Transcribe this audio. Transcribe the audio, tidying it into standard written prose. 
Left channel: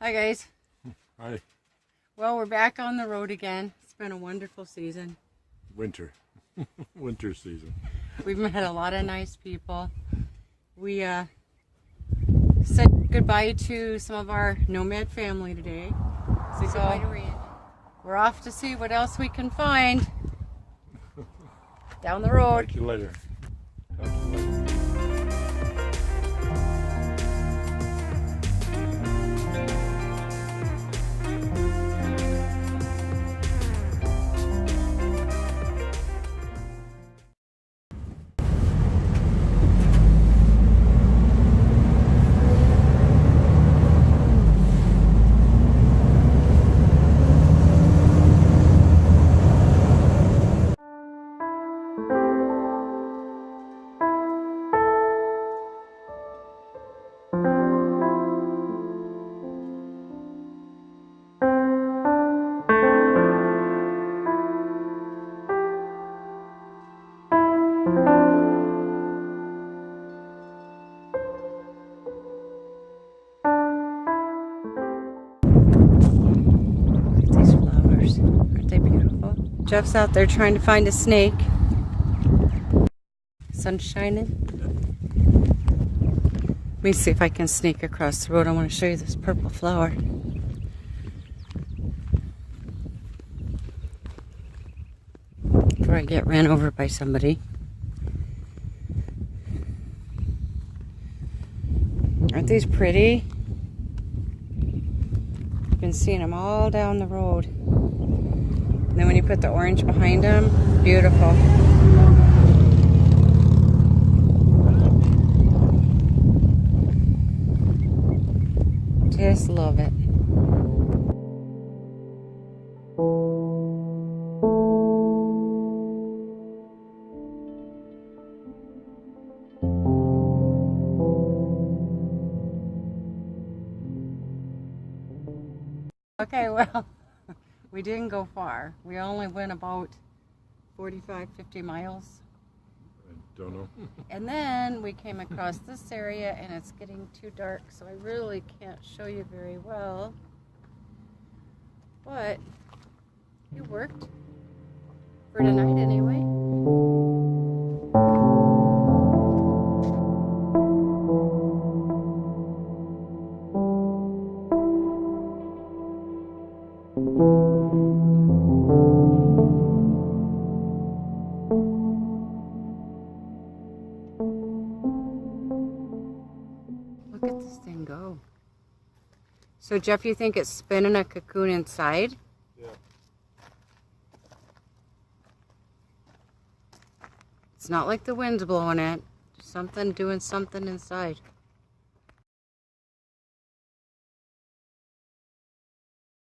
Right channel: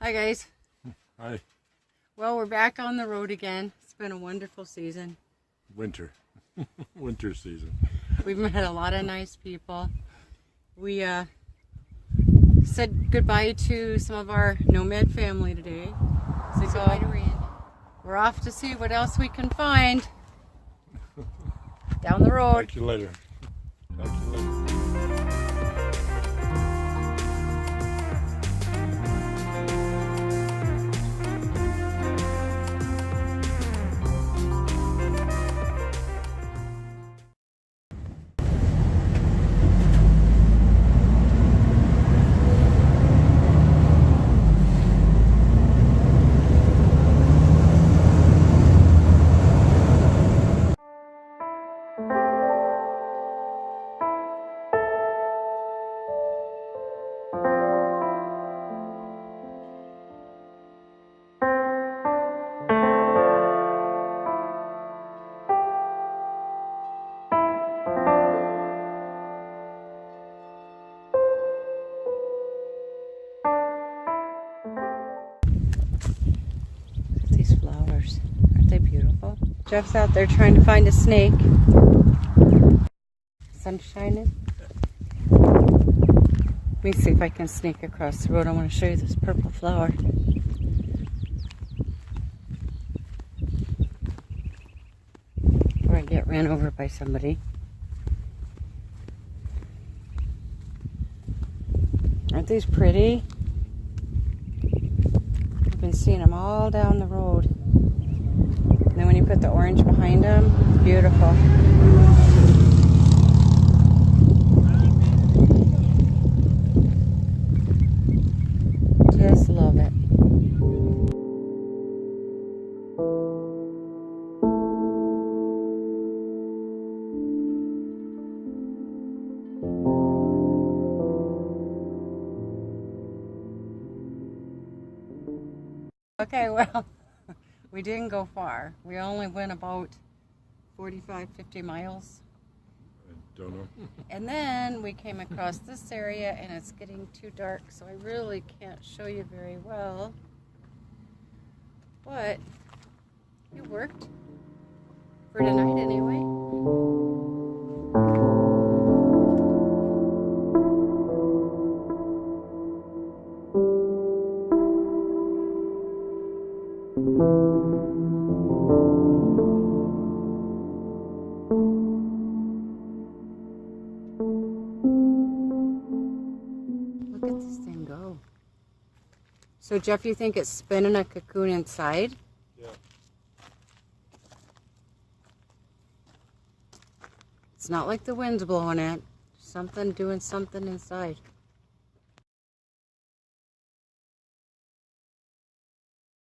Hi guys. Hi. Well, we're back on the road again. It's been a wonderful season. Winter. Winter season. We've met a lot of nice people. We said goodbye to some of our nomad family today. So we're off to see what else we can find down the road. Talk to you later. Talk to you later. These flowers, aren't they beautiful? Jeff's out there trying to find a snake. Sun's shining. Let me see if I can sneak across the road. I want to show you this purple flower. Before I get ran over by somebody. Aren't these pretty? I've been seeing them all down the road. And then when you put the orange behind them, beautiful. Just love it. Okay, well, we didn't go far. We only went about 45, 50 miles. I don't know. And then we came across this area and it's getting too dark, so I really can't show you very well. But it worked. For tonight anyway. Look at this thing go. So Jeff, you think it's spinning a cocoon inside? Yeah. It's not like the wind's blowing it. Something doing something inside.